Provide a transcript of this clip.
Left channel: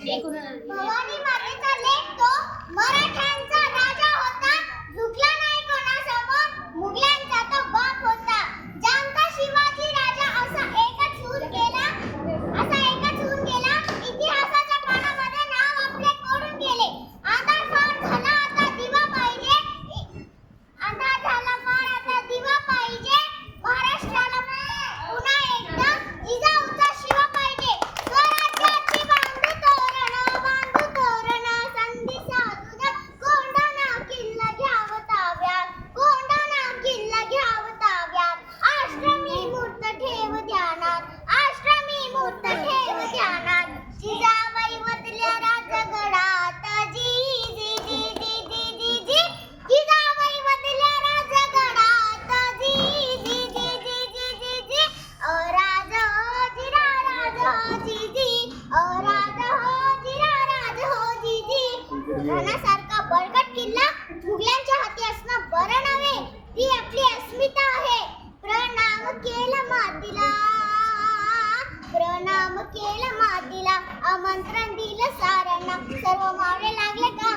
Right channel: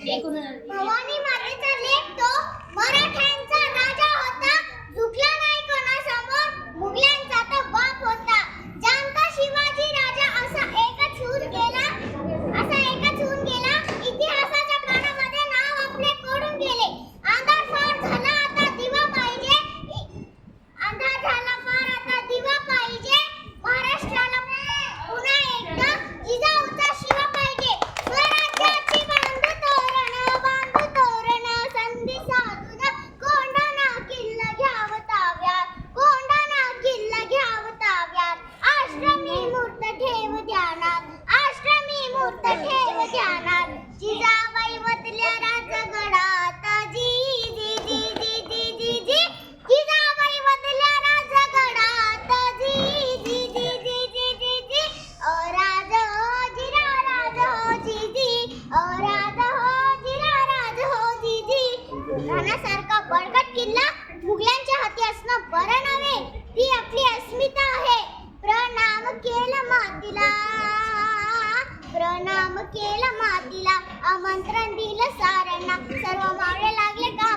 भवानी मातेचा लेक तो मराठ्यांचा राजा होता, झुकला नाही कोणासमोर, मुघलांचा तो बाप होता. जानता शिवाजी राजा असा एकच होऊन गेला, इतिहासाच्या पानामध्ये नाव आपले कोरून गेले. अंधार फार झाला आता दिवा पाहिजे, महाराष्ट्राला पुन्हा एकदा जिजाऊचा शिवा पाहिजे. स्वराज्याची बांधू तोरण संधी साधून कोंढाणा किल्ला घ्याव ताब्यात, आश्रमी मूर्त ठेव ध्यानात, जिजाबाई वदल्या राजगडात, जिजाबाई वदल्या राजगडात, राज हो जिरा राज हो जीजी. राणासारखा बळकट किल्ला मुघलांच्या हाती असणं बरं नव्हे, ती आपली अस्मिता आहे. प्रणाम केलं मातीला, आमंत्रण दिलं साऱ्यांना, सर्व मावळे लागले का